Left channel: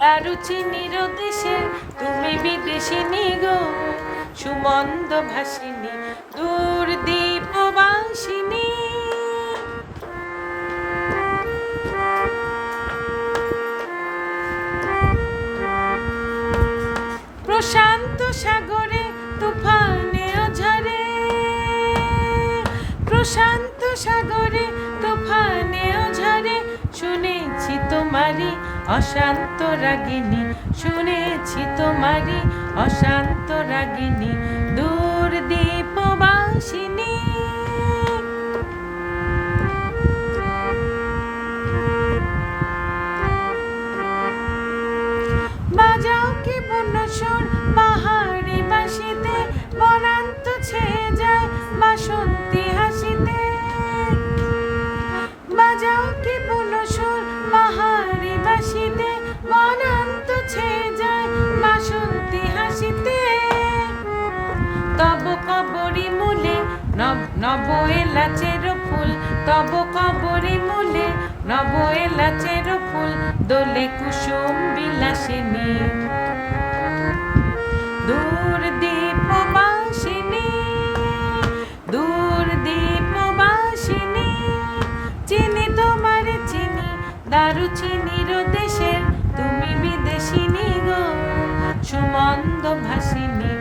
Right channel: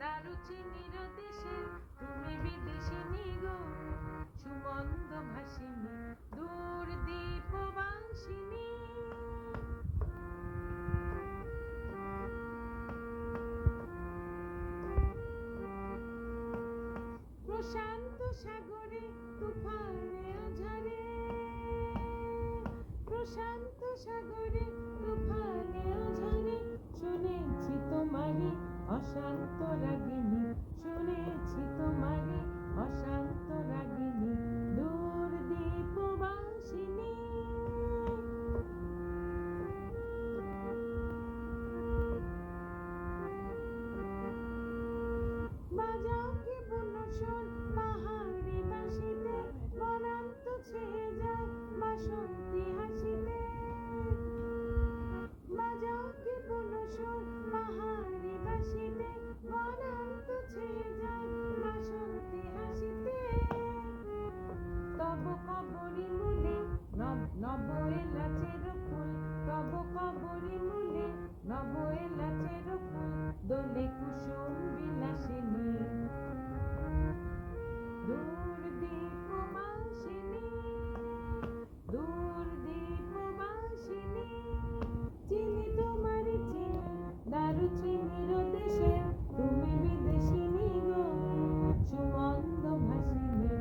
দারুচিনির দেশের তুমি বিদেশিনী গো, সুমন্দ ভাসিনী দূর দীপবাসিনী। প্রশান্ত সাগরে তুফানে ঝরে, প্রশান্ত সাগরে তুফানে ঝরে, শুনেছি তোমারি অশান্ত রাগিনী, শুনেছি তোমারি অশান্ত রাগিনী দূর দীপবাসিনী। বাজাও কি বনসর পাহাড়ি বাসিতে, বনান্ত ছেয়ে যায় বাসন্তী হাসিতে। বাজাও কি বনসর পাহাড়ি বাসিতে, বনান্ত ছেয়ে যায় বাসন্তী হাসিতে। তব কবরী মূলে নব এলাচের ফুল, তব কবরী মূলে নব এলাচের ফুল, দোলে কুসুম বিলাসিনী দূর দীপবাসিনী, দূর দীপবাসিনী। চিনি তোমার চিনি দারুচিনির দেশের তুমি বিদেশিনী গো, সুমন্দ ভাসিনী।